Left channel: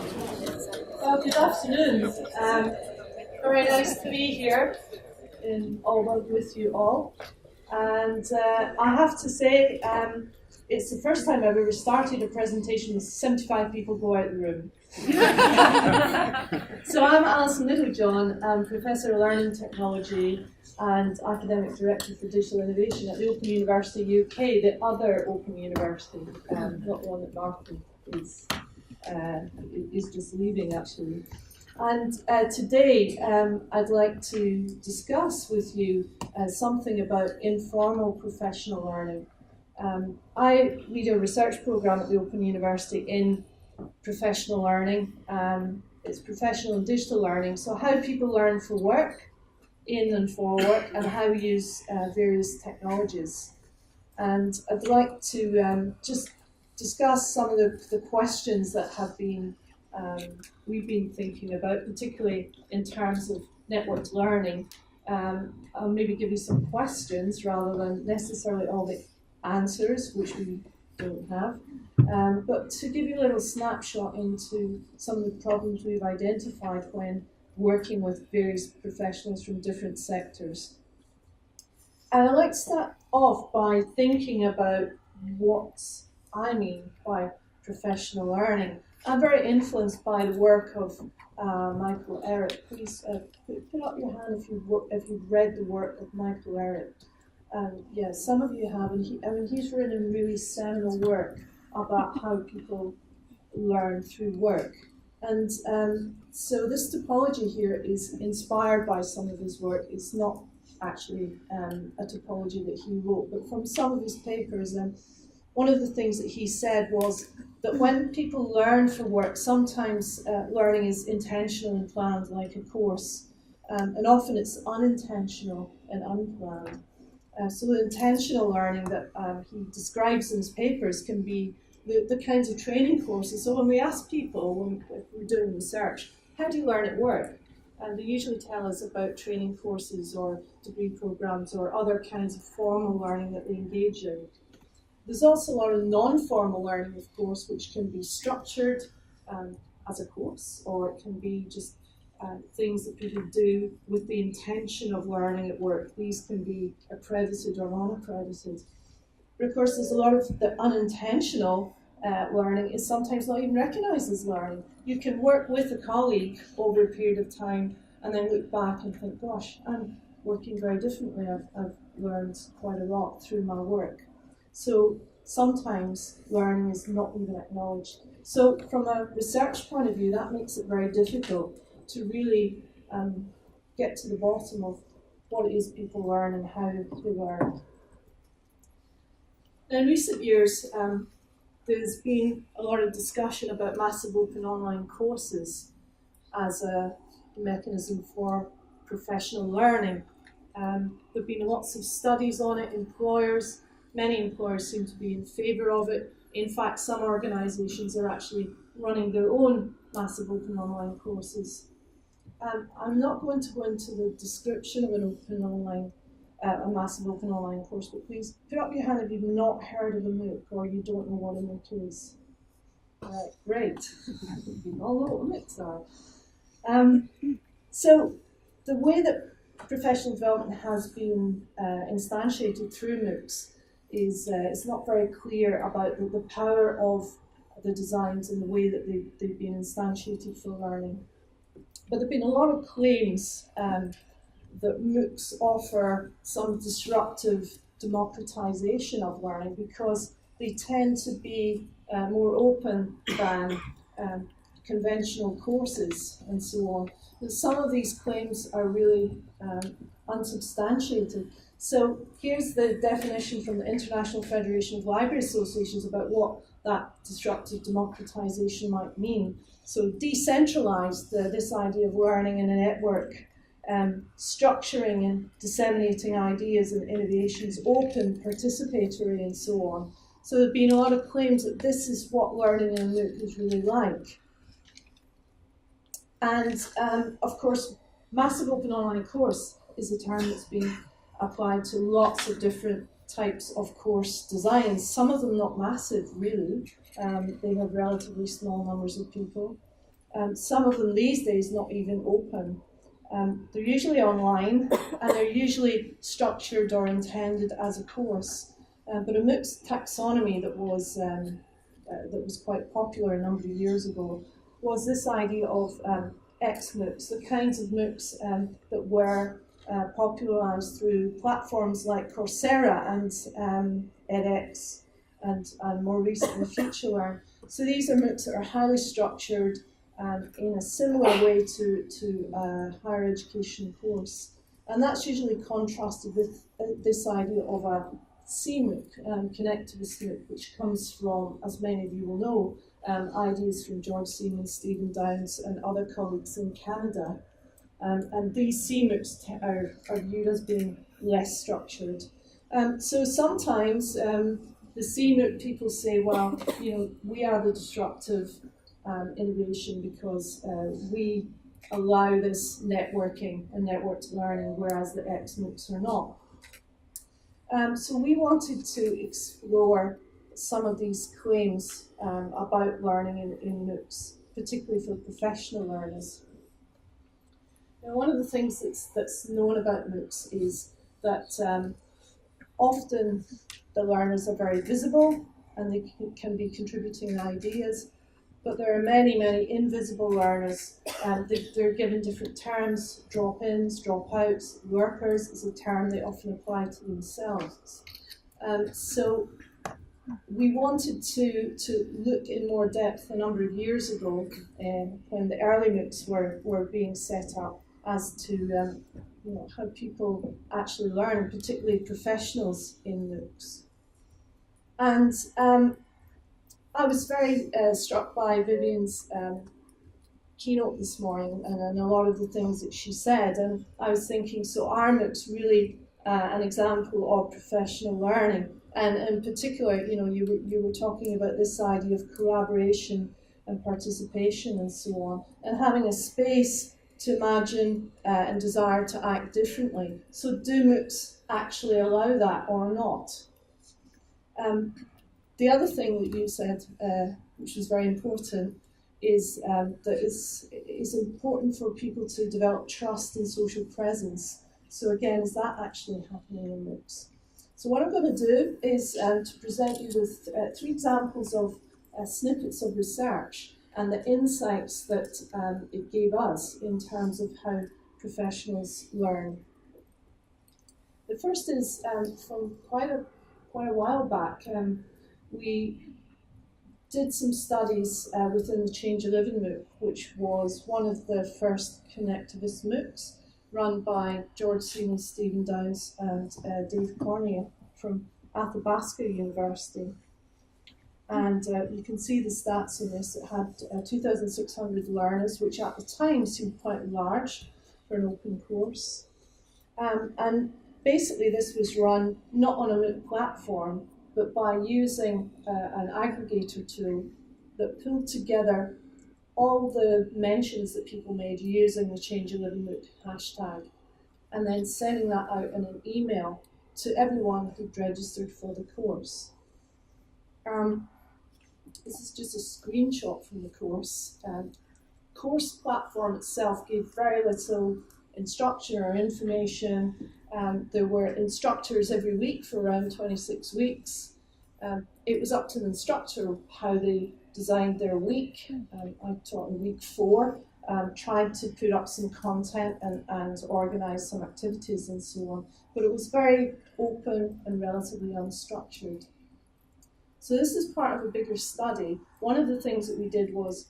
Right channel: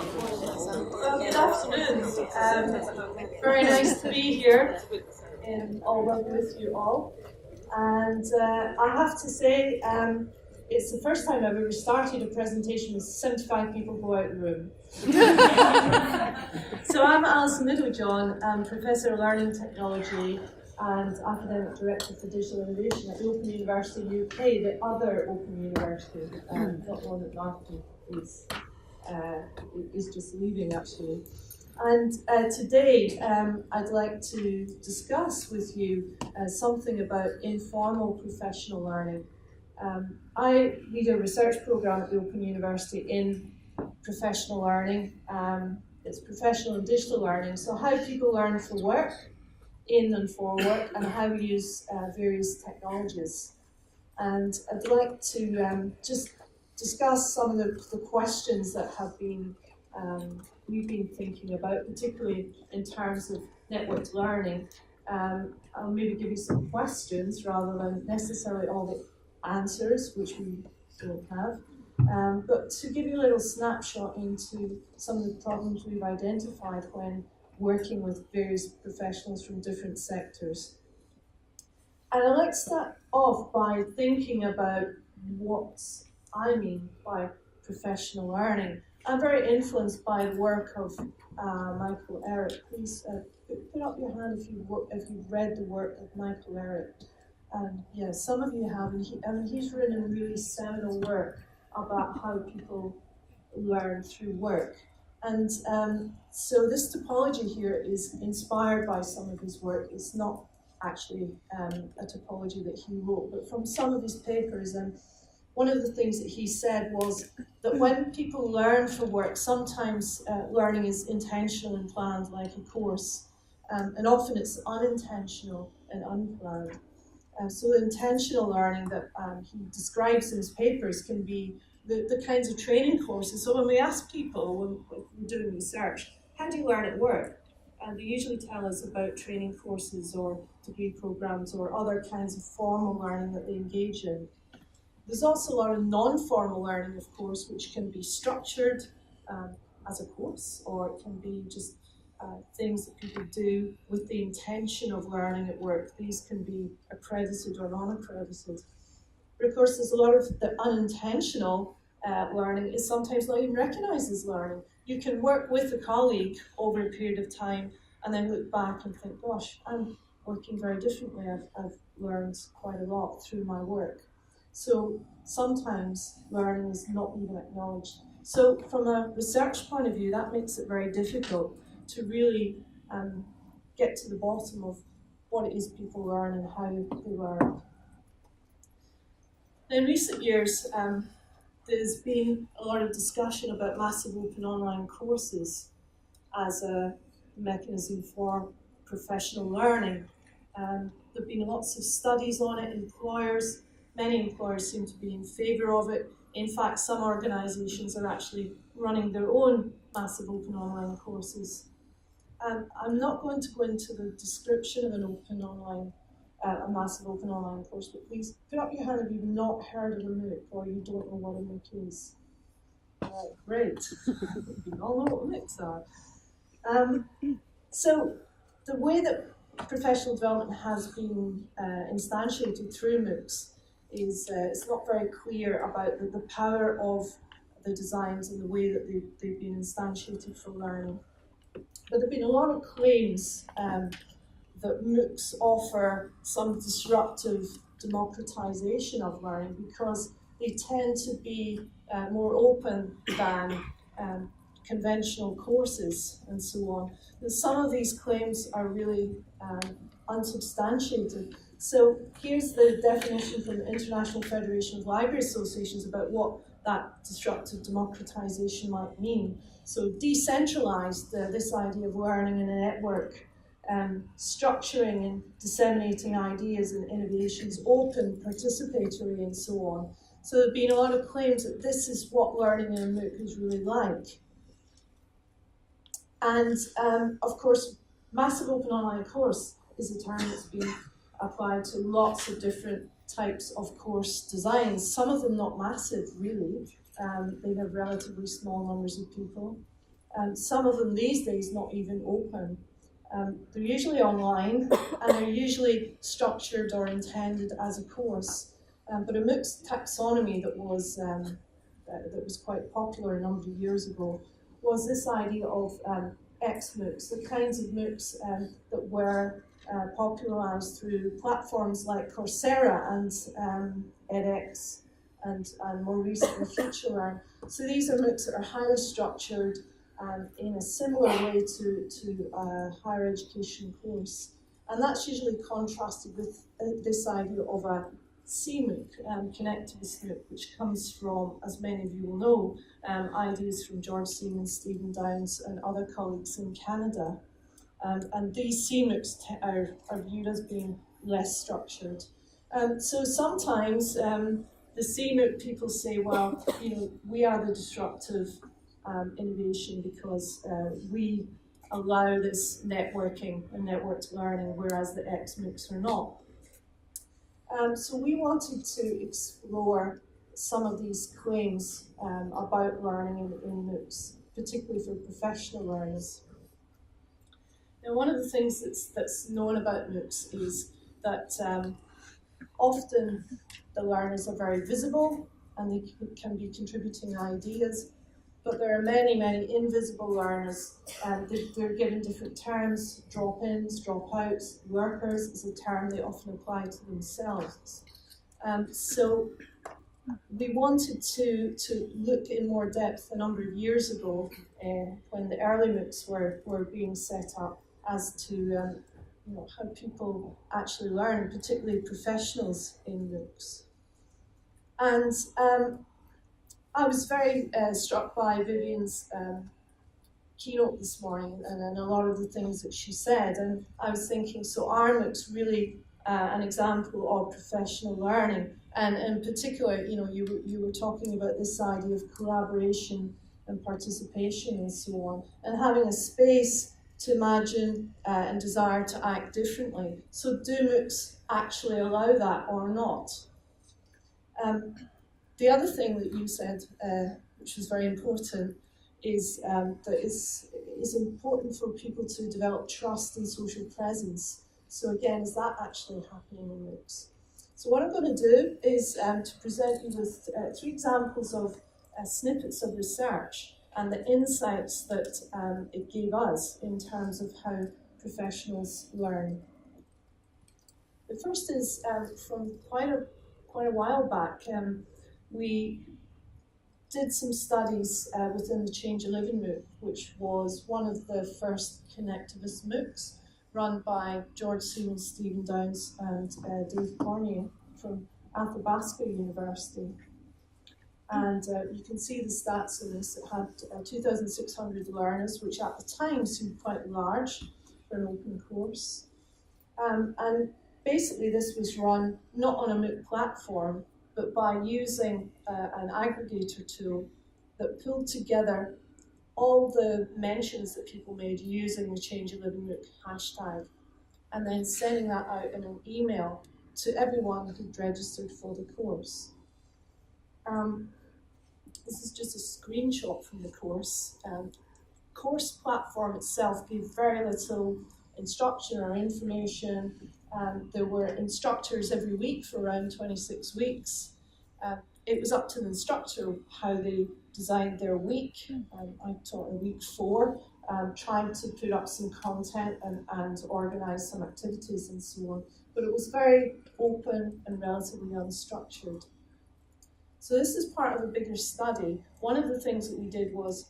Well, good afternoon. Very nice to be here in Alba with you all. And I have to say, it's the first time I've ever started a presentation with 75 people go out of the room. So I'm Allison Littlejohn, I'm Professor of Learning Technology and Academic Director for Digital Innovation at the Open University UK, the other Open University, not one that Martin is just leaving actually. And today I'd like to discuss with you something about informal professional learning. I lead a research programme at the Open University in professional learning. It's professional and digital learning, so how people learn for work, in and for work, and how we use various technologies. And I'd like to just discuss some of the questions that have been we've been thinking about, particularly in terms of networked learning. I'll maybe give you some questions rather than necessarily all the answers, which we don't have. But to give you a little snapshot into some of the problems we've identified when working with various professionals from different sectors. And I'd like to start off by thinking about what I mean by professional learning. I'm very influenced by the work of Michael Ehret. Please put up your hand if you've read the work of Michael Ehret. Yeah, some of you have, and he's written really seminal work about how people learn through work. And so this topology here is inspired by some of his work. It's not actually a topology that he wrote, but from some of his papers. And one of the things that he said was that when people learn for work, sometimes learning is intentional and planned, like a course, and often it's unintentional and unplanned. So the intentional learning that he describes in his papers can be the kinds of training courses. So when we ask people, when we're doing research, how do you learn at work? And they usually tell us about training courses or degree programs or other kinds of formal learning that they engage in. There's also a lot of non-formal learning, of course, which can be structured as a course, or it can be just things that people do with the intention of learning at work. These can be accredited or non-accredited. But of course, there's a lot of the unintentional learning is sometimes not even recognized as learning. You can work with a colleague over a period of time and then look back and think, gosh, I'm working very differently. I've learned quite a lot through my work. So sometimes learning is not even acknowledged. So from a research point of view, that makes it very difficult to really get to the bottom of what it is people learn and how they learn. In recent years, there's been a lot of discussion about massive open online courses as a mechanism for professional learning. There have been lots of studies on it. Many employers seem to be in favour of it. In fact, some organisations are actually running their own massive open online courses. I'm not going to go into the description of a massive open online course, but please put up your hand if you've not heard of a MOOC or you don't know what a MOOC is. Great, you all know what MOOCs are. So the way that professional development has been instantiated through MOOCs is it's not very clear about the power of the designs and the way that they've been instantiated for learning. But there have been a lot of claims that MOOCs offer some disruptive democratization of learning because they tend to be more open than conventional courses and so on. But some of these claims are really unsubstantiated. So here's the definition from the International Federation of Library Associations about what that disruptive democratization might mean. So decentralized, this idea of learning in a network, structuring and disseminating ideas and innovations, open, participatory, and so on. So there have been a lot of claims that this is what learning in a MOOC is really like. And of course, massive open online course is a term that's been applied to lots of different types of course designs, some of them not massive really. They have relatively small numbers of people. Some of them these days not even open. They're usually online and they're usually structured or intended as a course. But a MOOCs taxonomy that was quite popular a number of years ago was this idea of X-MOOCs, the kinds of MOOCs that were popularised through platforms like Coursera and edX and more recently FutureLearn. So these are MOOCs that are highly structured in a similar way to a higher education course. And that's usually contrasted with this idea of a CMOOC, connectivist MOOC, which comes from, as many of you will know, ideas from George Siemens, Stephen Downes, and other colleagues in Canada. And these CMOOCs are viewed as being less structured. So sometimes the CMOOC people say, well, we are the disruptive innovation because we allow this networking and networked learning, whereas the X-MOOCs are not. So we wanted to explore some of these claims about learning in MOOCs, particularly for professional learners. Now, one of the things that's known about MOOCs is that often the learners are very visible and they can be contributing ideas, but there are many, many invisible learners, and they're given different terms. Drop-ins, drop-outs, lurkers is a term they often apply to themselves. So we wanted to look in more depth a number of years ago when the early MOOCs were being set up as to how people actually learn, particularly professionals in MOOCs. And I was very struck by Vivian's keynote this morning and a lot of the things that she said. And I was thinking, so are MOOCs really an example of professional learning? And in particular, you were talking about this idea of collaboration and participation and so on, and having a space to imagine and desire to act differently. So do MOOCs actually allow that or not? The other thing that you said, which was very important, is that it's important for people to develop trust and social presence. So again, is that actually happening in MOOCs? So what I'm going to do is to present you with 3 examples of snippets of research and the insights that it gave us in terms of how professionals learn. The first is from quite a while back. We did some studies within the Change of Living MOOC, which was one of the first connectivist MOOCs run by George Siemens, Stephen Downes, and Dave Cormier from Athabasca University. And you can see the stats on this. It had 2,600 learners, which at the time seemed quite large for an open course. And basically this was run not on a MOOC platform, but by using an aggregator tool that pulled together all the mentions that people made using the Change of Living MOOC hashtag, and then sending that out in an email to everyone who'd registered for the course. This is just a screenshot from the course. Course platform itself gave very little instruction or information. There were instructors every week for around 26 weeks. It was up to the instructor how they designed their week. I taught in week 4, tried to put up some content and organise some activities and so on. But it was very open and relatively unstructured. So this is part of a bigger study. One of the things that we did was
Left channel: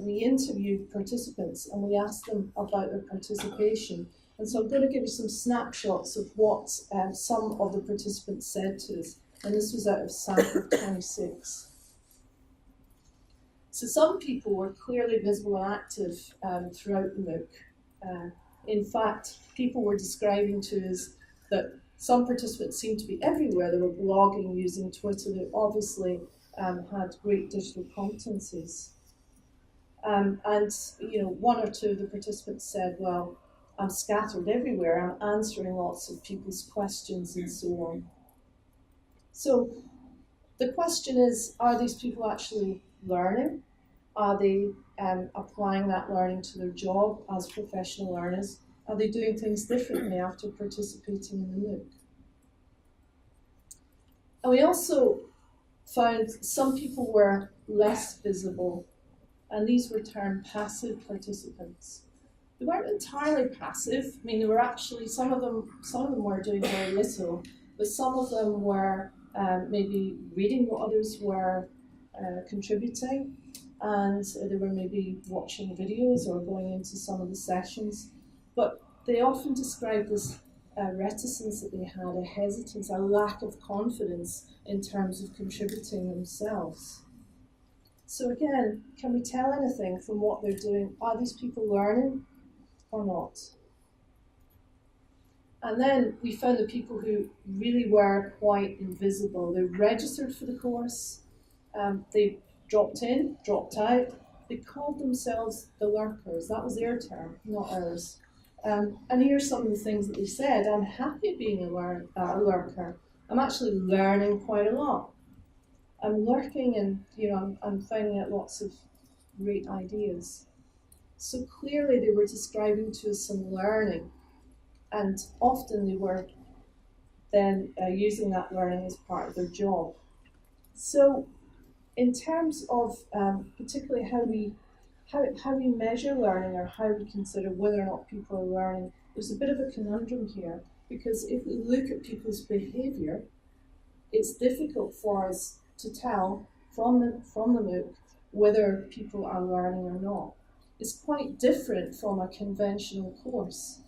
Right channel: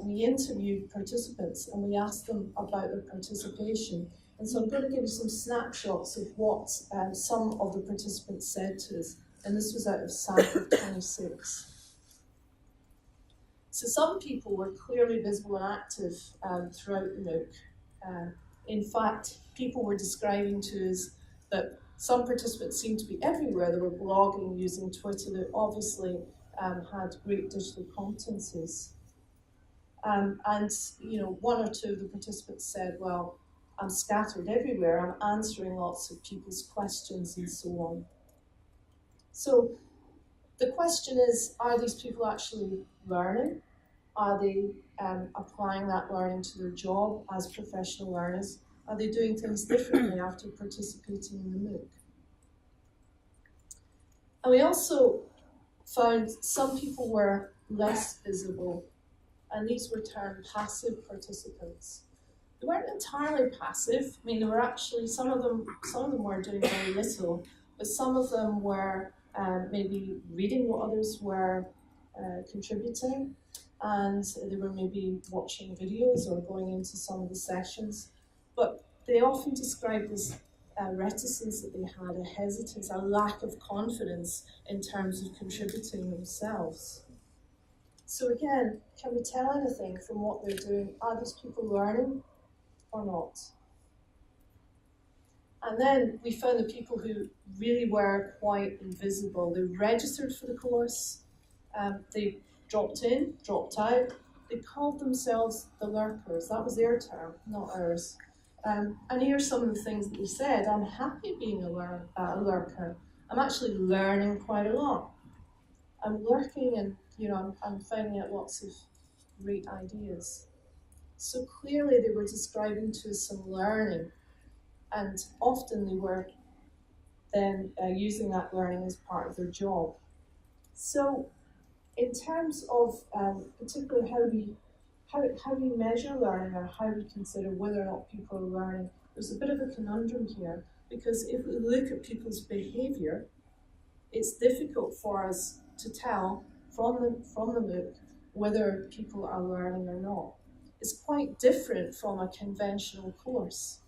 we interviewed participants and we asked them about their participation. And so I'm going to give you some snapshots of what some of the participants said to us. And this was out of sample 26. So some people were clearly visible and active throughout the MOOC. In fact, people were describing to us that some participants seemed to be everywhere. They were blogging, using Twitter. They obviously had great digital competencies. And one or two of the participants said, well, I'm scattered everywhere. I'm answering lots of people's questions and so on. So the question is, are these people actually learning? Are they applying that learning to their job as professional learners? Are they doing things differently after participating in the MOOC? And we also found some people were less visible, and these were termed passive participants. They weren't entirely passive. I mean, there were actually some of them were doing very little, but some of them were maybe reading what others were contributing, and they were maybe watching videos or going into some of the sessions. But they often described this reticence that they had, a hesitance, a lack of confidence in terms of contributing themselves. So again, can we tell anything from what they're doing? Are these people learning or not? And then we found the people who really were quite invisible. They registered for the course, they dropped in, dropped out. They called themselves the lurkers. That was their term, not ours. And here's some of the things that they said. I'm happy being a lurker. I'm actually learning quite a lot. I'm lurking and I'm finding out lots of great ideas. So clearly they were describing to us some learning, and often they were then using that learning as part of their job. So in terms of particularly how we measure learning, or how we consider whether or not people are learning, there's a bit of a conundrum here, because if we look at people's behaviour, it's difficult for us to tell from the MOOC whether people are learning or not. It's quite different from a conventional course.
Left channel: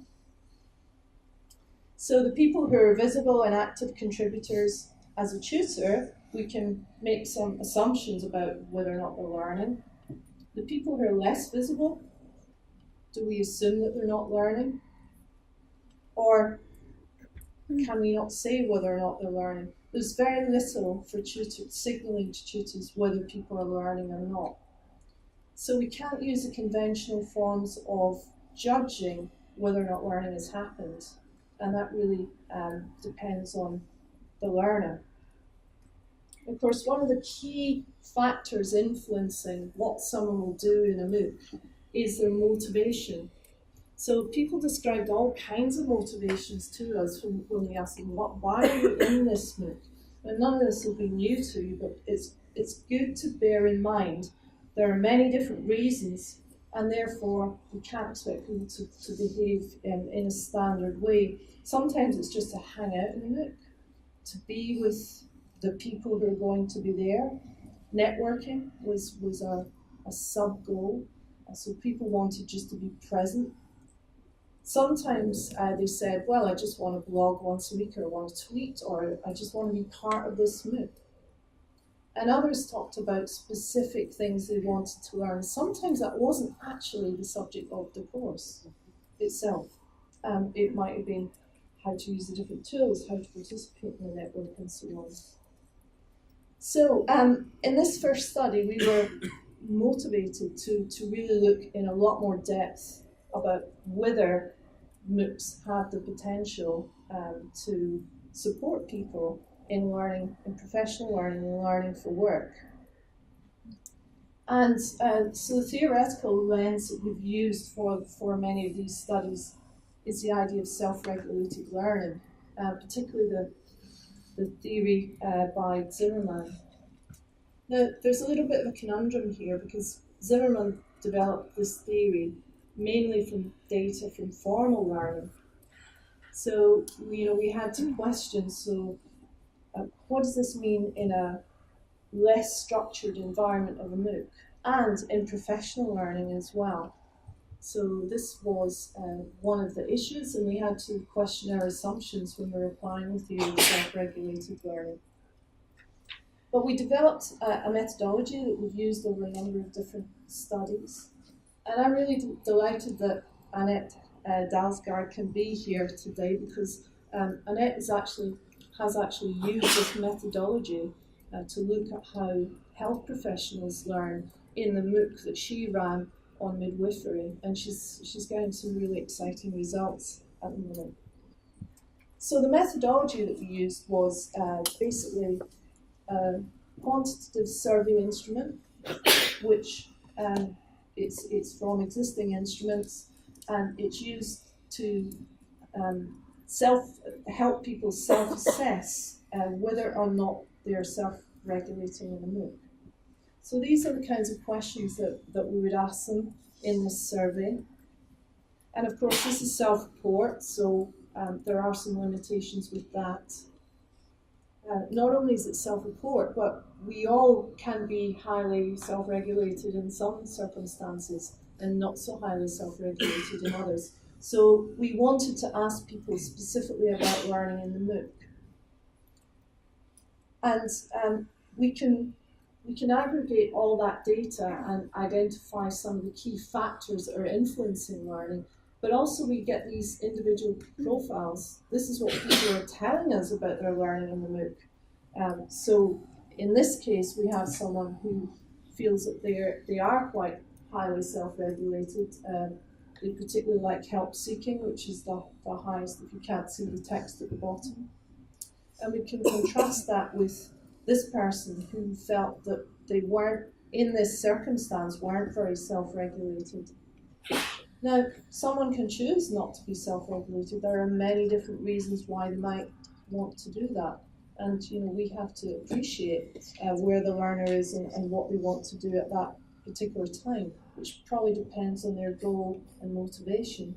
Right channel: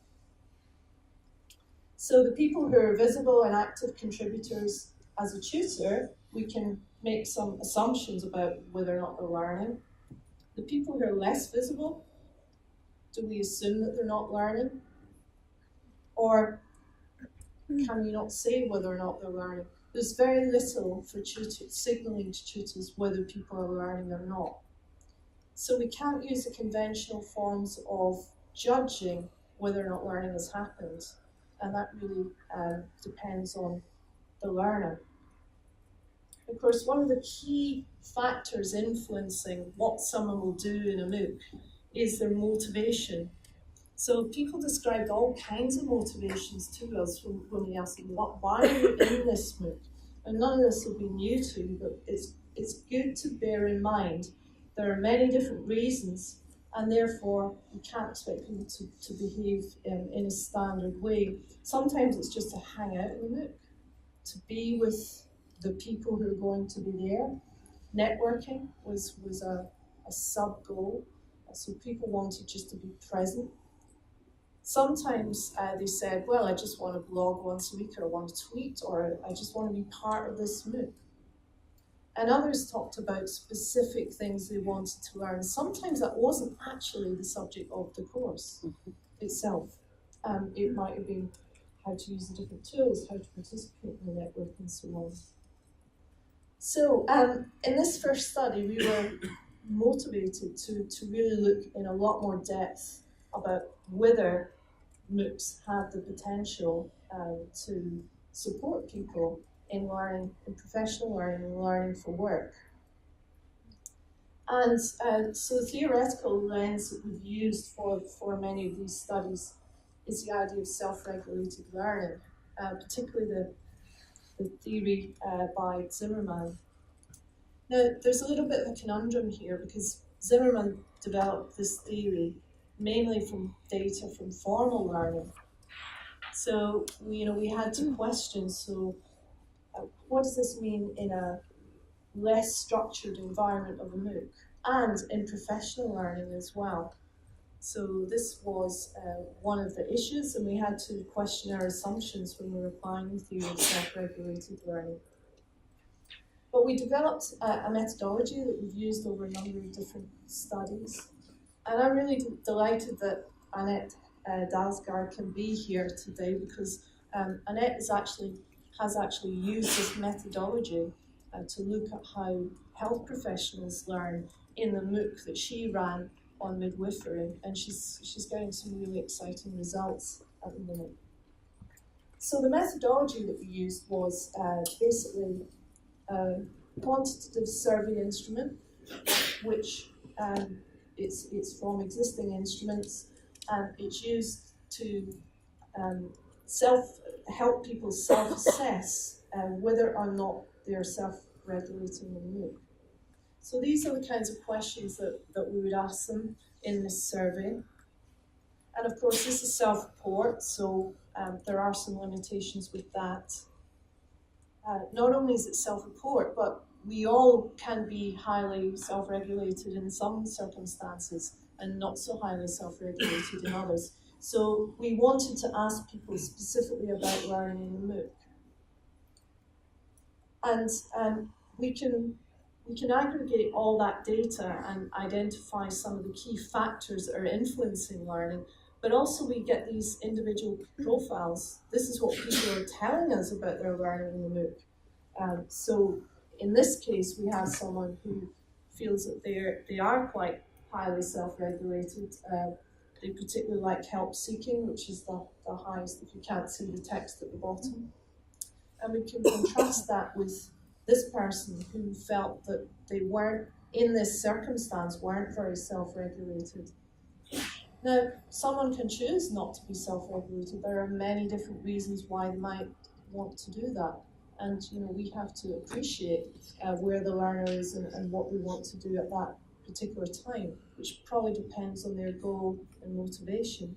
So the people who are visible and active contributors, as a tutor, we can make some assumptions about whether or not they're learning. The people who are less visible, do we assume that they're not learning? Or can we not say whether or not they're learning? There's very little for signalling to tutors whether people are learning or not. So we can't use the conventional forms of judging whether or not learning has happened, and that really depends on the learner. Of course, one of the key factors influencing what someone will do in a MOOC is their motivation. So people described all kinds of motivations to us when we asked them, why are you in this MOOC? And none of this will be new to you, but it's good to bear in mind there are many different reasons, and therefore we can't expect people to behave in a standard way. Sometimes it's just to hang out in the MOOC, to be with the people who are going to be there. Networking was a sub-goal, so people wanted just to be present. Sometimes they said, well, I just want to blog once a week, or I want to tweet, or I just want to be part of this MOOC. And others talked about specific things they wanted to learn. Sometimes that wasn't actually the subject of the course itself. It might have been how to use the different tools, how to participate in the network, and so on. So in this first study, we were motivated to really look in a lot more depth about whether MOOCs have the potential to support people in learning, in professional learning, and learning for work. And so the theoretical lens that we've used for many of these studies is the idea of self-regulated learning, particularly the theory by Zimmerman. Now, there's a little bit of a conundrum here, because Zimmerman developed this theory mainly from data from formal learning. So, we had to question, what does this mean in a less structured environment of a MOOC, and in professional learning as well? So this was one of the issues, and we had to question our assumptions when we were applying the theory of self-regulated learning. But we developed a methodology that we've used over a number of different studies. And I'm really delighted that Annette Dalsgaard can be here today, because Annette has actually used this methodology to look at how health professionals learn in the MOOC that she ran on midwifery, and she's getting some really exciting results at the moment. So the methodology that we used was basically a quantitative survey instrument, which It's from existing instruments, and it's used to help people self-assess whether or not they're self-regulating in a MOOC. So these are the kinds of questions that we would ask them in this survey. And of course, this is self-report, so there are some limitations with that. Not only is it self-report, but we all can be highly self-regulated in some circumstances and not so highly self-regulated in others. So we wanted to ask people specifically about learning in the MOOC. And we can aggregate all that data and identify some of the key factors that are influencing learning, but also we get these individual profiles. This is what people are telling us about their learning in the MOOC. So in this case, we have someone who feels that they are quite highly self-regulated. They particularly like help seeking, which is the highest if you can't see the text at the bottom. And we can contrast that with this person who felt that they weren't, in this circumstance, weren't very self-regulated. Now, someone can choose not to be self-regulated. There are many different reasons why they might want to do that. And we have to appreciate where the learner is and what they want to do at that particular time, which probably depends on their goal and motivation.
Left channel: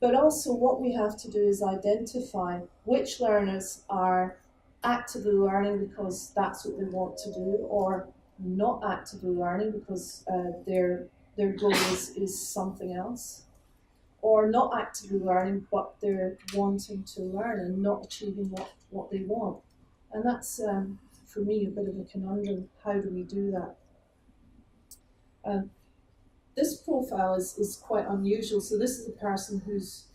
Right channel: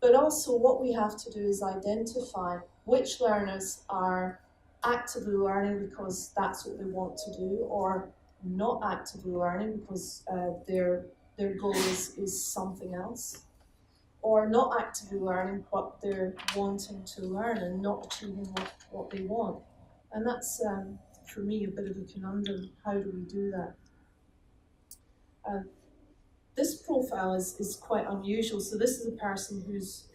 But also what we have to do is identify which learners are actively learning because that's what they want to do, or not actively learning because their goal is something else, or not actively learning but they're wanting to learn and not achieving what they want. And that's, for me, a bit of a conundrum. How do we do that? This profile is quite unusual. So this is a person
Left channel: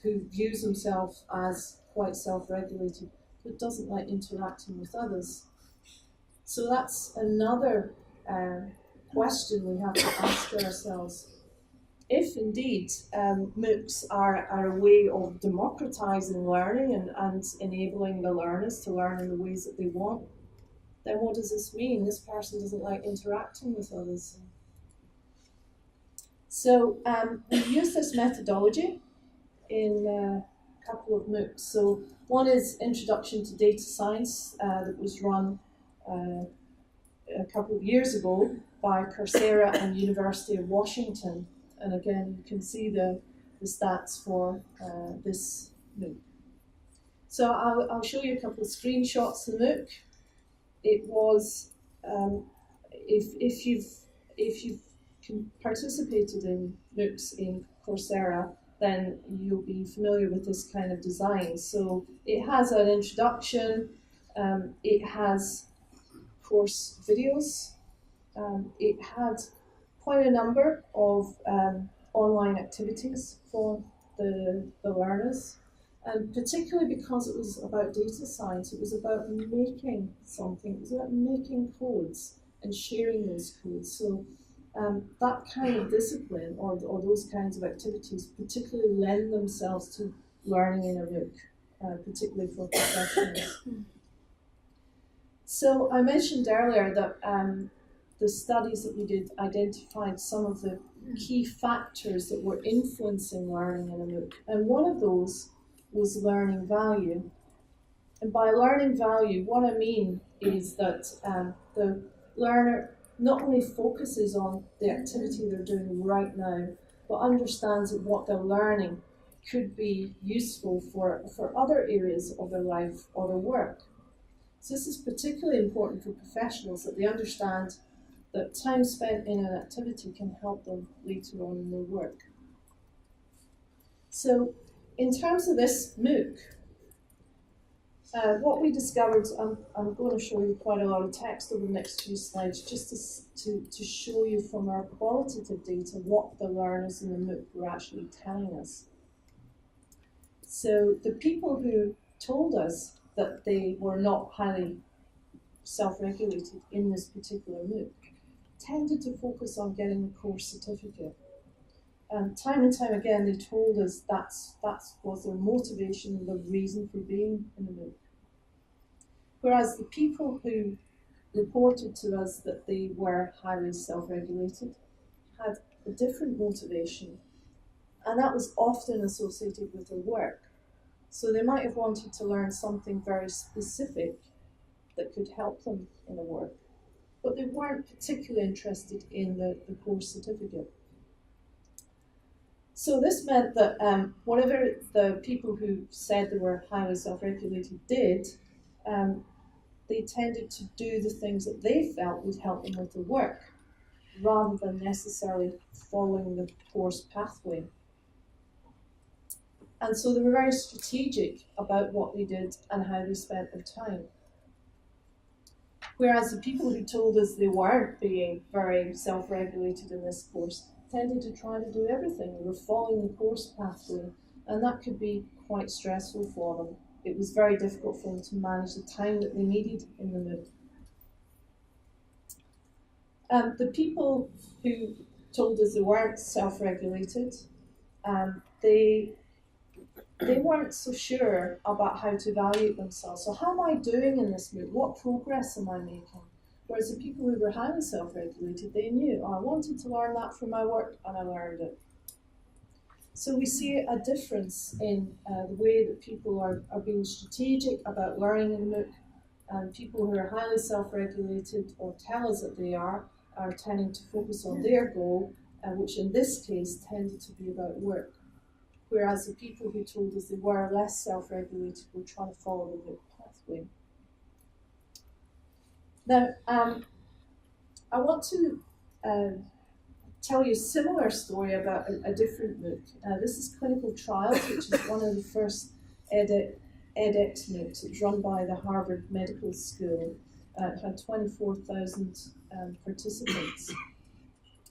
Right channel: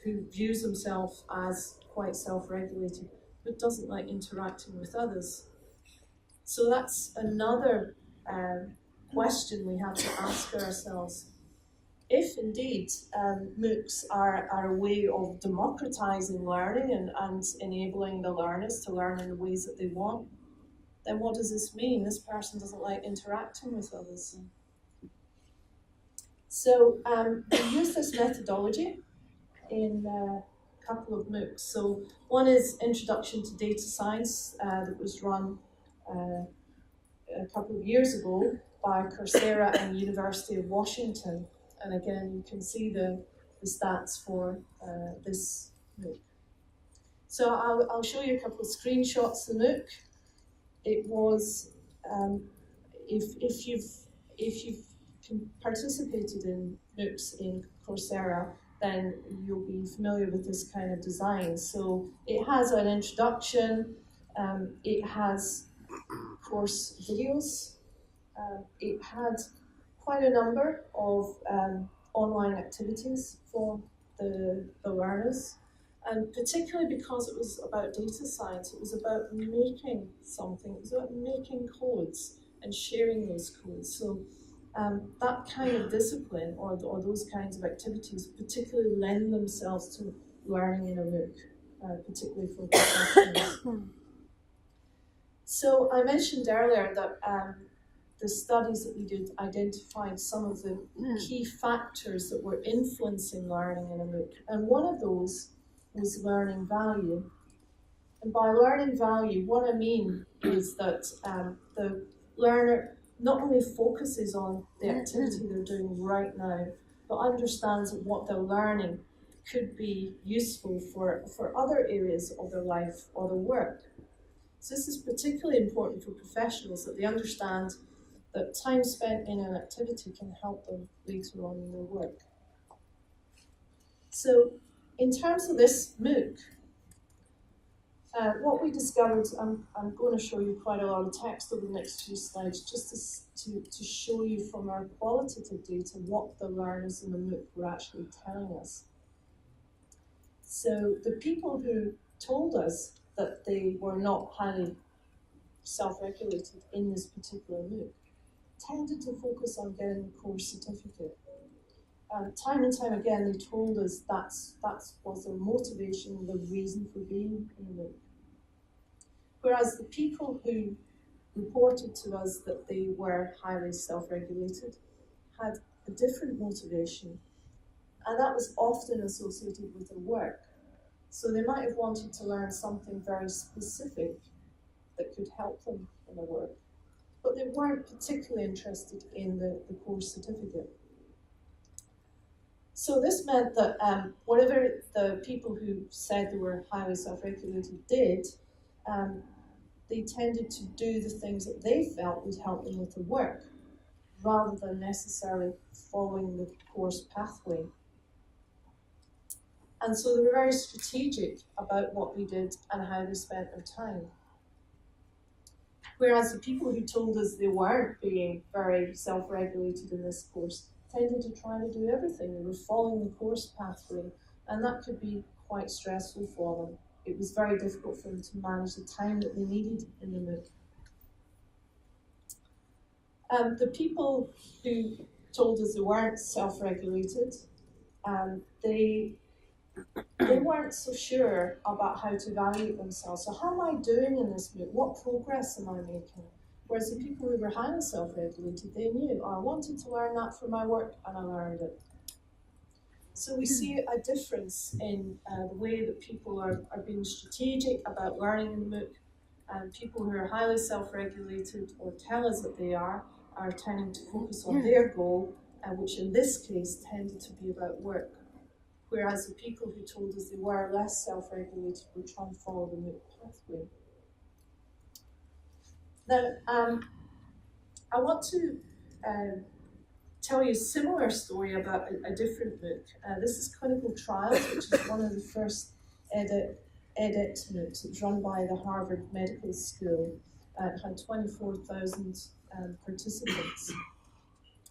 who views himself as quite self-regulated, but doesn't like interacting with others. So that's another question we have to ask ourselves. If indeed MOOCs are a way of democratizing learning and enabling the learners to learn in the ways that they want, then what does this mean? This person doesn't like interacting with others. So we use this methodology in a couple of MOOCs. So one is Introduction to Data Science that was run a couple of years ago by Coursera and University of Washington. And again, you can see the stats for this MOOC. So I'll show you a couple of screenshots of the MOOC. It was, if you've participated in MOOCs in Coursera, then you'll be familiar with this kind of design. So it has an introduction, it has course videos, it had quite a number of online activities for the learners, and particularly because it was about data science, it was about making something, it was about making codes and sharing those codes. So that kind of discipline or those kinds of activities particularly lend themselves to learning in a MOOC, particularly for professionals. So I mentioned earlier that the studies that we did identified some of the key factors that were influencing learning in a MOOC. And one of those was learning value. And by learning value, what I mean is that the learner not only focuses on the activity they're doing right now, but understands that what they're learning could be useful for other areas of their life or their work. So this is particularly important for professionals, that they understand that time spent in an activity can help them later on in their work. So in terms of this MOOC, what we discovered, I'm going to show you quite a lot of text over the next few slides, just to show you from our qualitative data what the learners in the MOOC were actually telling us. So the people who told us that they were not highly self-regulated in this particular MOOC tended to focus on getting the course certificate. Time and time again, they told us that was their motivation, the reason for being in the MOOC. Whereas the people who reported to us that they were highly self-regulated, had a different motivation, and that was often associated with their work. So they might have wanted to learn something very specific that could help them in their work, but they weren't particularly interested in the course certificate. So this meant that whatever the people who said they were highly self-regulated did, they tended to do the things that they felt would help them with their work, rather than necessarily following the course pathway. And so they were very strategic about what they did and how they spent their time. Whereas the people who told us they weren't being very self-regulated in this course tended to try to do everything. They were following the course pathway, and that could be quite stressful for them. It was very difficult for them to manage the time that they needed in the MOOC. The people who told us they weren't self-regulated, they weren't so sure about how to evaluate themselves. So how am I doing in this MOOC? What progress am I making? Whereas the people who were highly self-regulated, they knew, I wanted to learn that for my work, and I learned it. So we see a difference in the way that people are being strategic about learning in MOOC, and people who are highly self-regulated or tell us that they are tending to focus on their goal, which in this case tended to be about work. Whereas the people who told us they were less self-regulated were trying to follow the MOOC pathway. Now, I want to tell you a similar story about a different MOOC. This is Clinical Trials, which is one of the first edX MOOCs. It's run by the Harvard Medical School. It had 24,000 participants.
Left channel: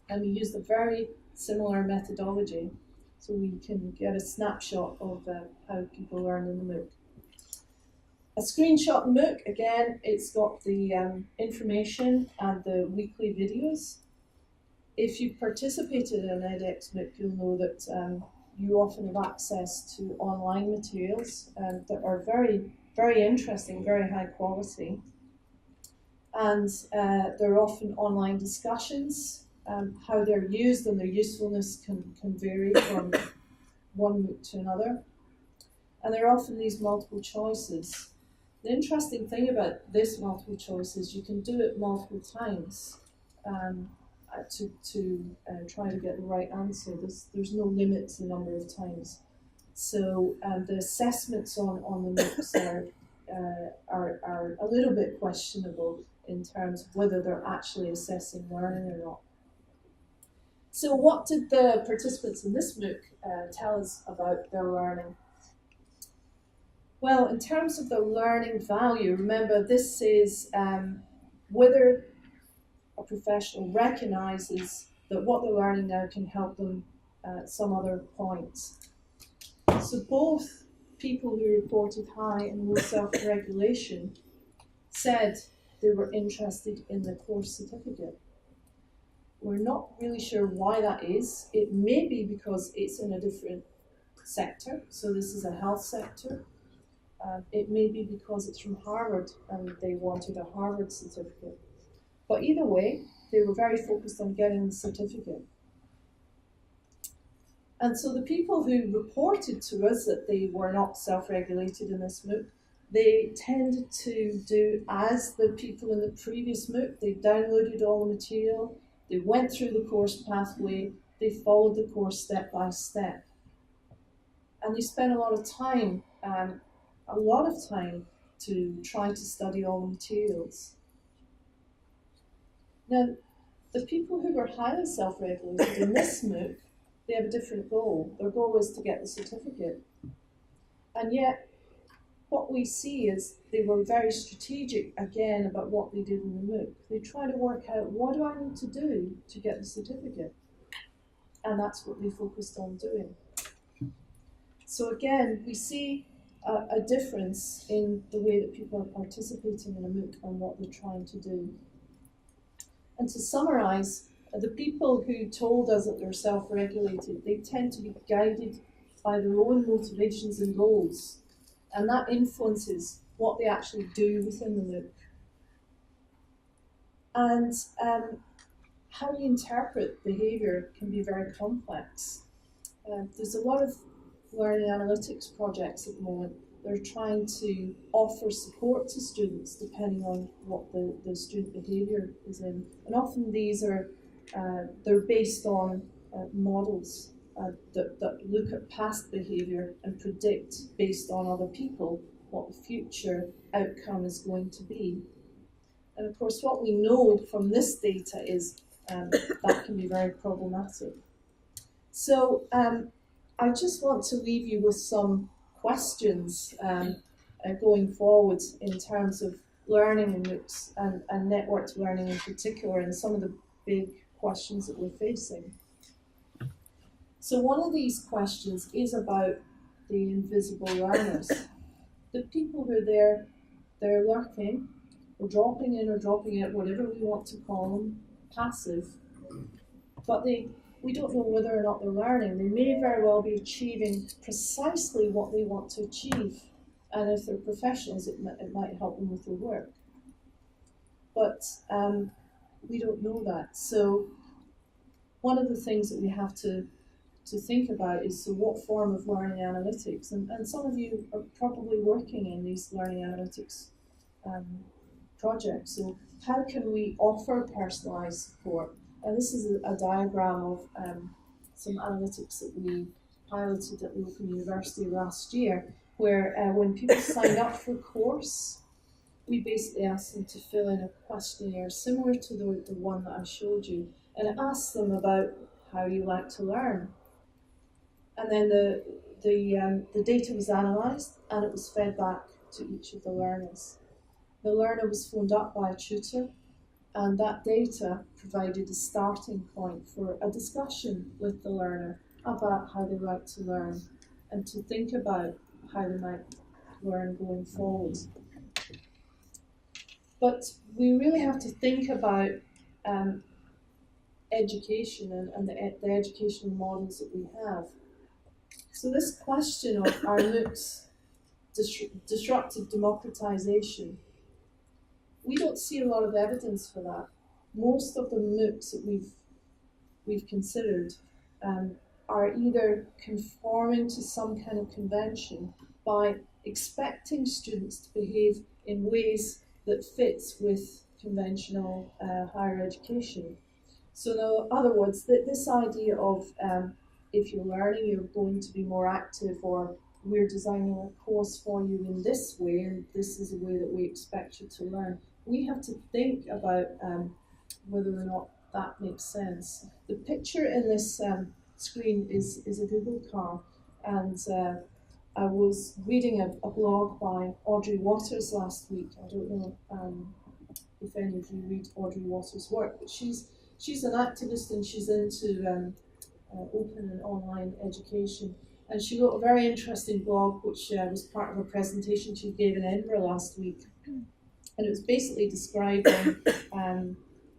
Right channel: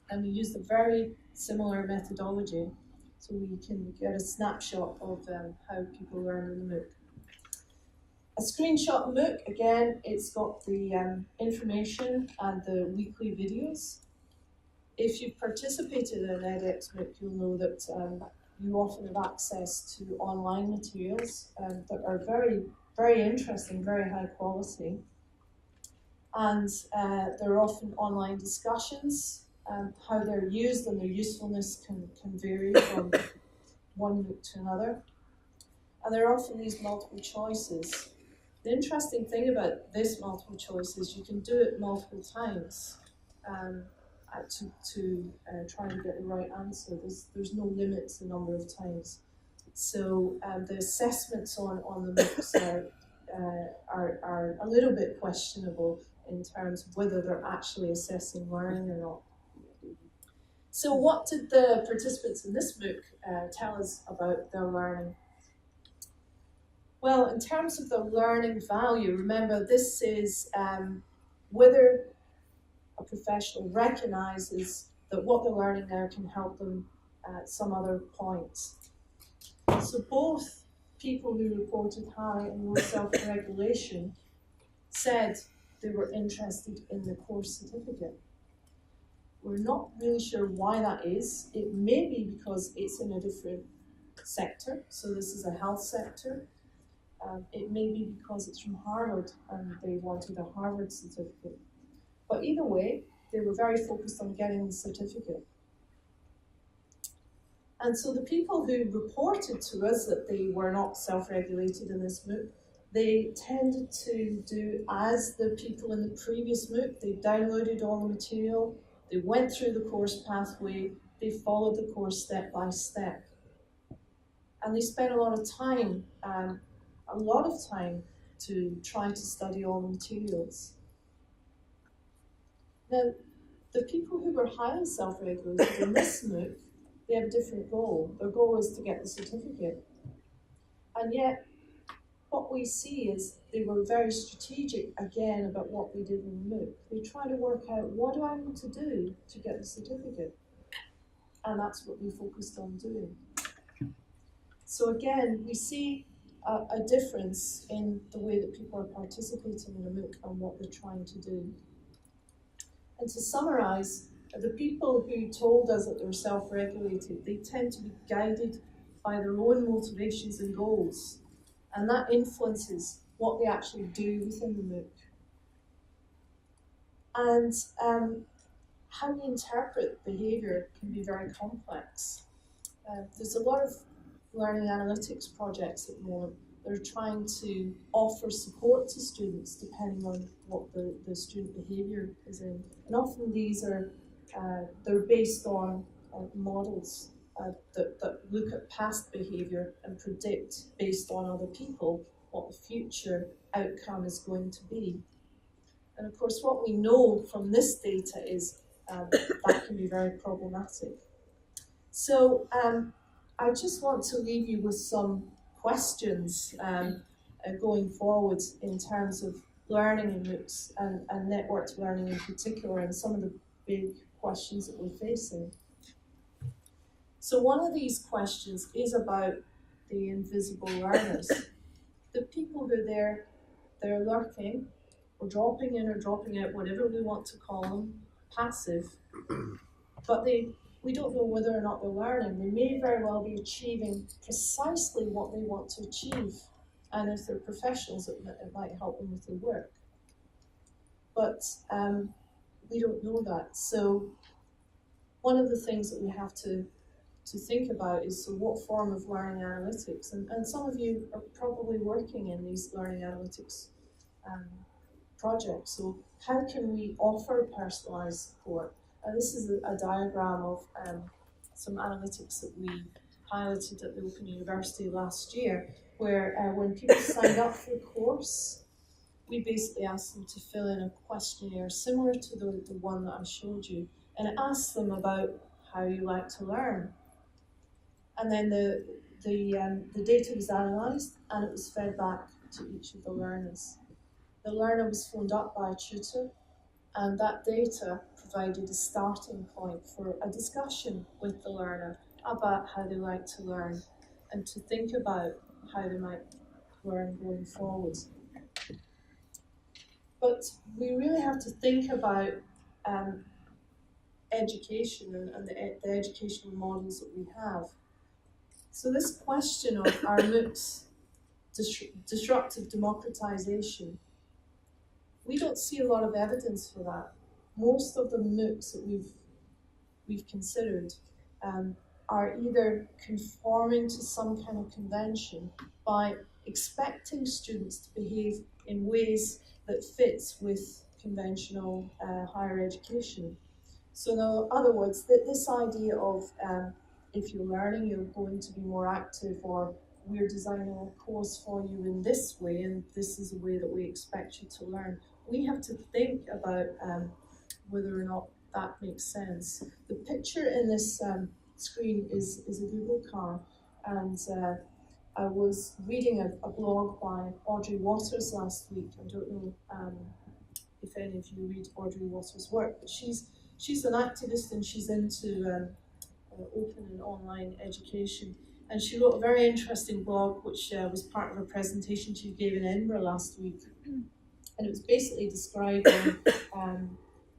And we used a very similar methodology, so we can get a snapshot of how people learn in the MOOC. A screenshot MOOC, again, it's got the information and the weekly videos. If you've participated in an edX MOOC, you'll know that you often have access to online materials that are very, very interesting, very high quality. And there are often online discussions. How they're used and their usefulness can vary from one MOOC to another. And there are often these multiple choices. The interesting thing about this multiple choice is you can do it multiple times to try to get the right answer. There's no limit to the number of times. So the assessments on the MOOCs are a little bit questionable in terms of whether they're actually assessing learning or not. So what did the participants in this MOOC tell us about their learning? Well, in terms of the learning value, remember this is whether a professional recognises that what they're learning now can help them at some other point. So both people who reported high and low self-regulation said they were interested in the course certificate. We're not really sure why that is. It may be because it's in a different sector, so this is a health sector. It may be because it's from Harvard and they wanted a Harvard certificate. But either way, they were very focused on getting the certificate. And so the people who reported to us that they were not self-regulated in this MOOC, they tended to do as the people in the previous MOOC. They downloaded all the material, they went through the course pathway, they followed the course step by step. And they spent a lot of time to try to study all the materials. Now, the people who were highly self-regulated in this MOOC, they have a different goal. Their goal is to get the certificate. And yet, what we see is they were very strategic, again, about what they did in the MOOC. They try to work out, what do I need to do to get the certificate? And that's what they focused on doing. So again, we see a difference in the way that people are participating in a MOOC and what they're trying to do. And to summarize, the people who told us that they're self-regulated, they tend to be guided by their own motivations and goals, and that influences what they actually do within the MOOC. And how we interpret behaviour can be very complex. There's a lot of learning analytics projects at the moment. They're trying to offer support to students depending on what the student behaviour is in. And often these are, they're based on models that look at past behaviour and predict based on other people what the future outcome is going to be. And of course what we know from this data is that can be very problematic. So I just want to leave you with some questions going forward in terms of learning in MOOCs and networked learning in particular, and some of the big questions that we're facing. So one of these questions is about the invisible learners. The people who are they're lurking, or dropping in or dropping out, whatever we want to call them, passive, but we don't know whether or not they're learning. They may very well be achieving precisely what they want to achieve, and if they're professionals, it might help them with their work. But we don't know that. So one of the things that we have to think about is, so what form of learning analytics, and some of you are probably working in these learning analytics projects, so how can we offer personalised support? And this is a diagram of some analytics that we piloted at the Open University last year, where when people signed up for a course, we basically asked them to fill in a questionnaire similar to the one that I showed you, and it asked them about how you like to learn. And then the data was analysed and it was fed back to each of the learners. The learner was phoned up by a tutor, and that data provided a starting point for a discussion with the learner about how they like to learn and to think about how they might learn going forward. But we really have to think about education and the educational models that we have. So this question of are MOOCs disruptive democratization, we don't see a lot of evidence for that. Most of the MOOCs that we've considered are either conforming to some kind of convention by expecting students to behave in ways that fits with conventional higher education. So in other words, this idea of if you're learning, you're going to be more active, or we're designing a course for you in this way, and this is the way that we expect you to learn. We have to think about whether or not that makes sense. The picture in this screen is a Google car, and I was reading a blog by Audrey Waters last week. I don't know if any of you read Audrey Waters' work, but she's an activist and she's into open and online education. And she wrote a very interesting blog, which was part of a presentation she gave in Edinburgh last week. And it was basically describing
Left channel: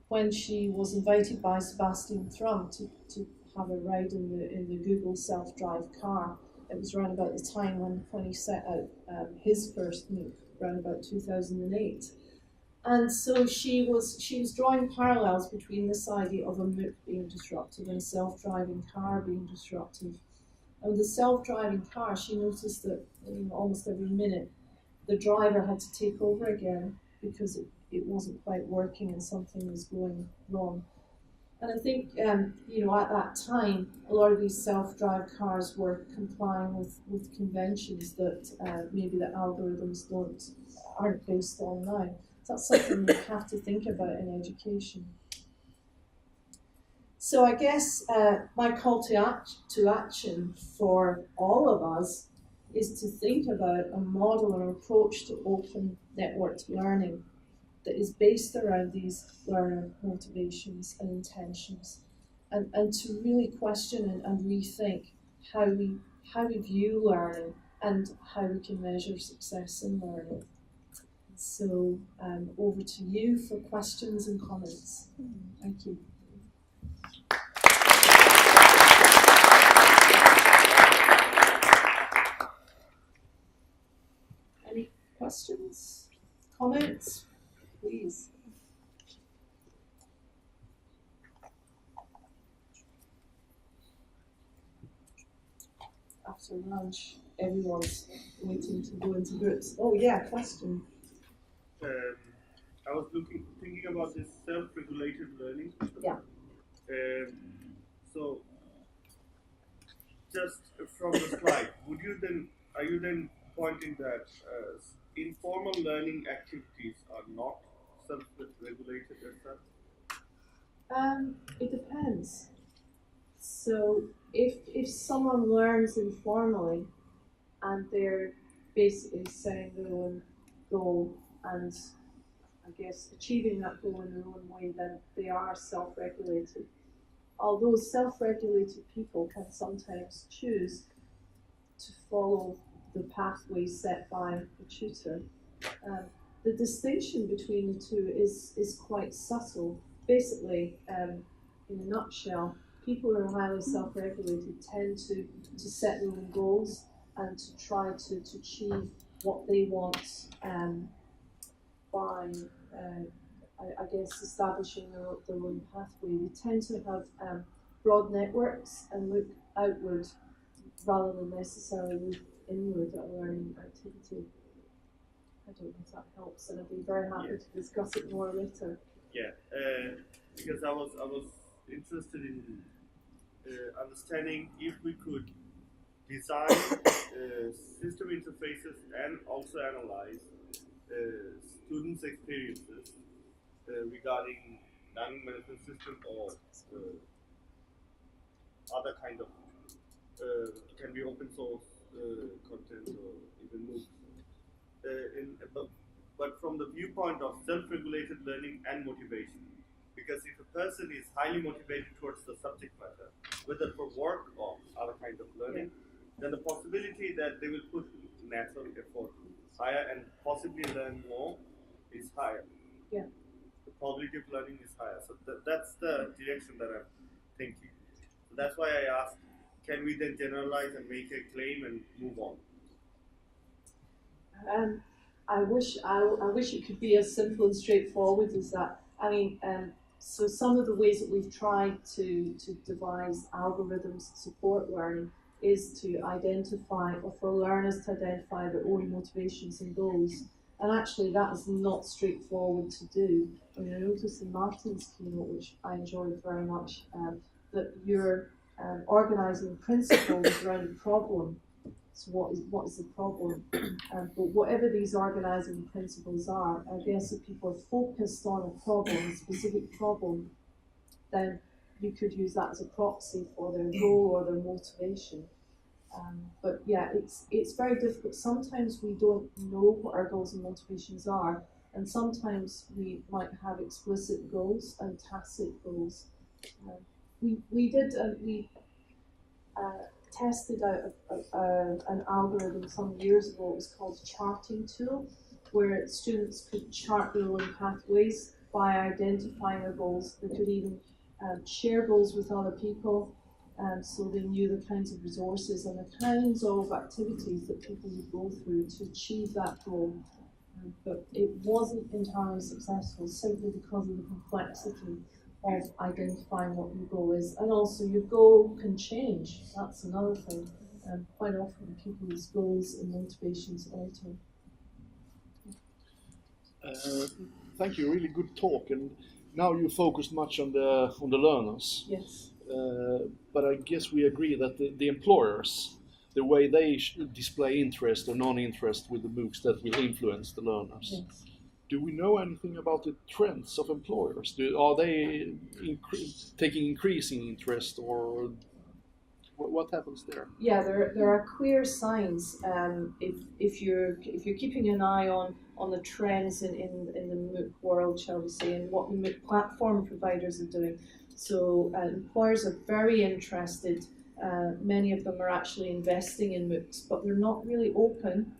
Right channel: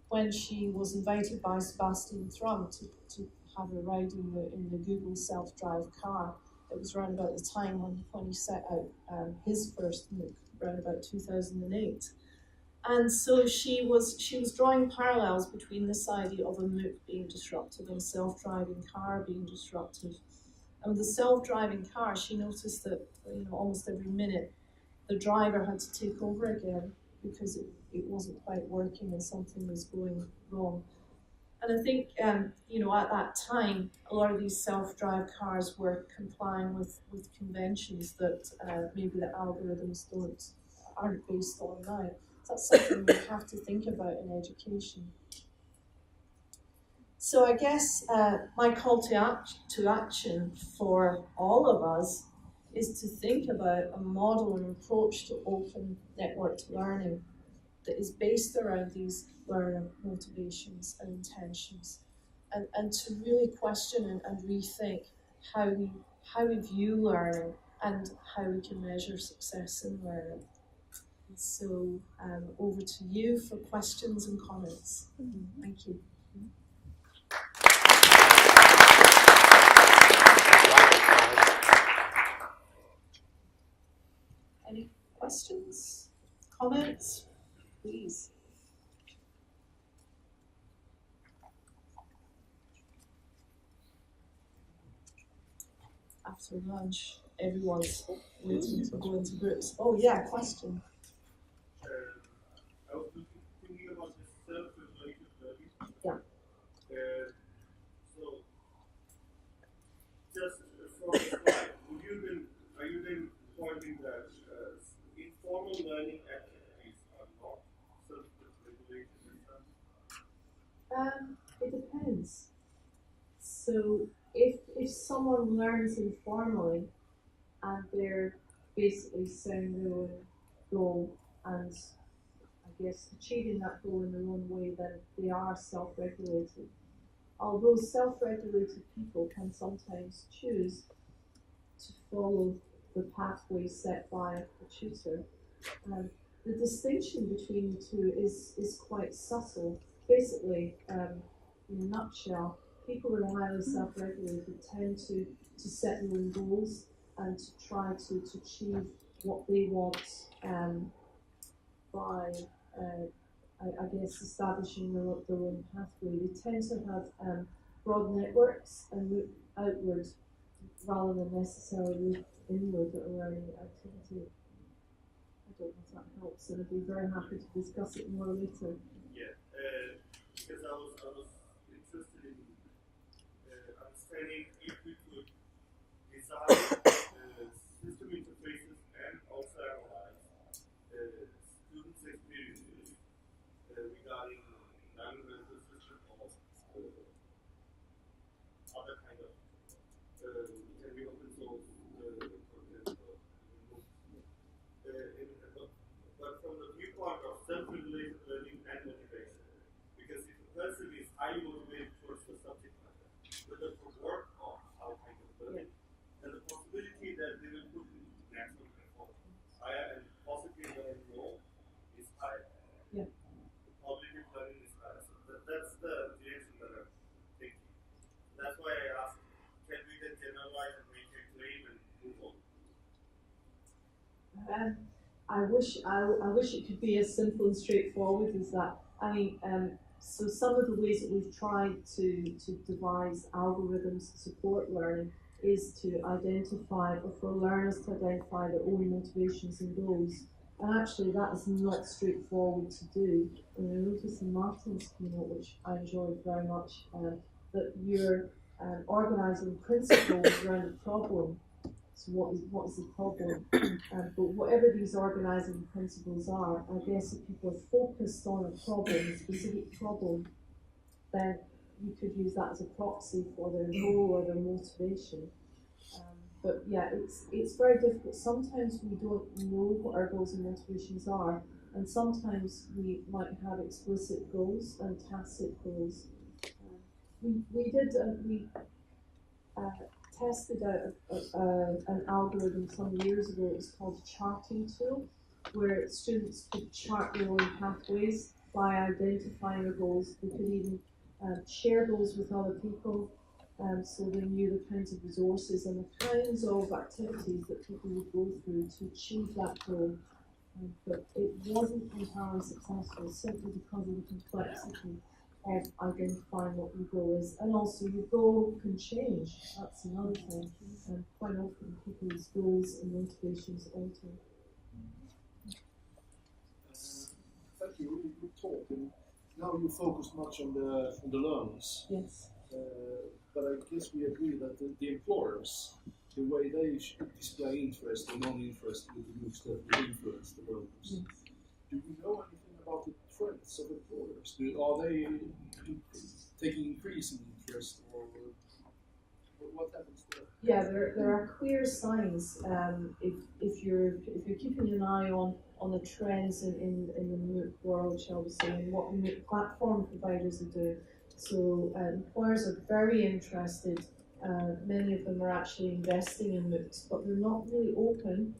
when she was invited by Sebastian Thrun to have a ride in the Google self-drive car. It was around about the time when he set out his first MOOC, around about 2008. And so she was drawing parallels between this idea of a MOOC being disruptive and a self-driving car being disruptive. And with the self-driving car, she noticed that almost every minute the driver had to take over again because it wasn't quite working and something was going wrong. And I think at that time, a lot of these self-drive cars were complying with conventions that maybe the algorithms aren't based on now. So that's something we have to think about in education. So I guess my call to action for all of us is to think about a model and approach to open networked learning that is based around these learner motivations and intentions, and to really question and rethink how we view learning and how we can measure success in learning. So over to you for questions and comments. Thank you. Any questions, comments, please? after lunch, everyone's waiting to go into groups. Oh yeah, question. I was thinking about this self-regulated learning. Yeah. So, just from the slide, are you then pointing that informal learning activities are not self-regulated as such? It depends. So if someone learns informally and they're basically setting their own goal and I guess achieving that goal in their own way, then they are self-regulated. Although self-regulated people can sometimes choose to follow the pathway set by a tutor, the distinction between the two is quite subtle. Basically, in a nutshell, people who are highly self-regulated tend to set their own goals and to try to achieve what they want by, I guess, establishing their own pathway. They tend to have broad networks and look outward rather than necessarily look inward at a learning activity. I don't know if that helps, and I'd be very happy to discuss it more later. Yeah, because I was interested in understanding if we could design system interfaces and also analyze students' experiences regarding learning management system or other kind of can be open source content or even MOOCs. But from the viewpoint of self-regulated learning and motivation, because if a person is highly motivated towards the subject matter, whether for work or other kind of learning, then the possibility that they will put natural effort higher and possibly learn more is higher. Yeah. The probability of learning is higher. So that's the direction that I'm thinking. So that's why I asked, can we then generalize and make a claim and move on? I wish it could be as simple and straightforward as that. I mean, so some of the ways that we've tried to devise algorithms to support learning is to identify, or for learners to identify their own motivations and goals. And actually that is not straightforward to do. I mean, I noticed in Martin's keynote, which I enjoyed very much, that you're organising principles around a problem. So what is the problem? But whatever these organising principles are, I guess if people are focused on a problem, a specific problem, then you could use that as a proxy for their goal or their motivation. But yeah, it's very difficult. Sometimes we don't know what our goals and motivations are, and sometimes we might have explicit goals and tacit goals. We tested out an algorithm some years ago. It was called a charting tool, where students could chart their own pathways by identifying their goals. They could even share goals with other people, so they knew the kinds of resources and the kinds of activities that people would go through to achieve that goal. But it wasn't entirely successful simply because of the complexity of identifying what your goal is. And also your goal can change. That's another thing. Quite often people's goals and motivations alter. Thank you, really good talk. And now you focused much on the learners. Yes. But I guess we agree that the employers, the way they display interest or non-interest with the MOOCs, that will influence the learners. Yes. Do we know anything about the trends of employers? Are they taking increasing interest, or what happens there? Yeah, there are clear signs. If you're keeping an eye on the trends in the MOOC world, shall we say, and what MOOC platform providers are doing. So employers are very interested. Many of them are actually investing in MOOCs, but they're not really open.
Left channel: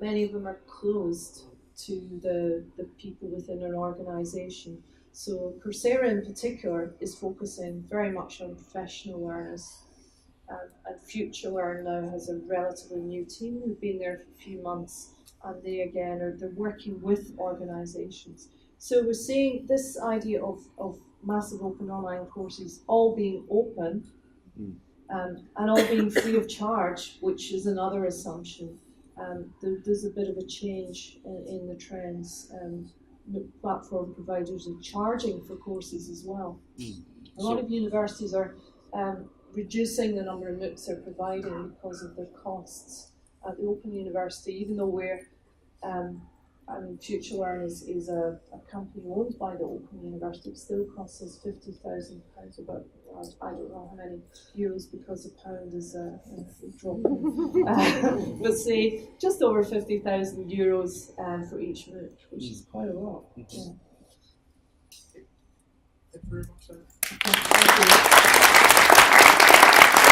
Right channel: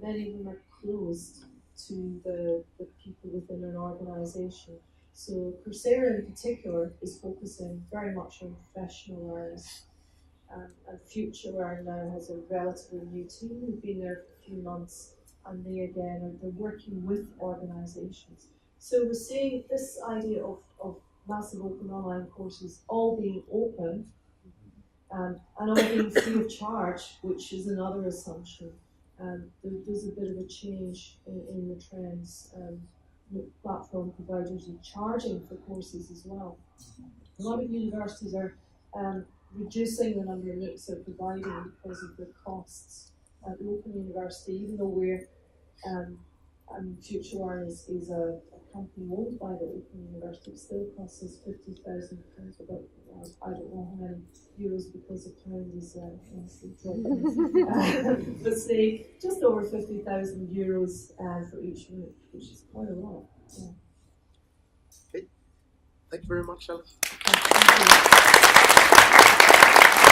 Many of them are closed to the people within an organisation. So Coursera in particular is focusing very much on professional learners. And Future Learn now has a relatively new team who've been there for a few months, and they again they're working with organisations. So we're seeing this idea of massive open online courses all being open and all being free of charge, which is another assumption. There's a bit of a change in the trends. Platform providers are charging for courses as well. A lot of universities are reducing the number of MOOCs they're providing because of their costs. At the Open University, even though we're FutureLearn is a company owned by the Open University, it still costs us £50,000, about I don't know how many euros because the pound is dropping. But say just over €50,000 for each MOOC, which is quite a lot. Yeah. Okay. Thank you very much, Alice. Thank you.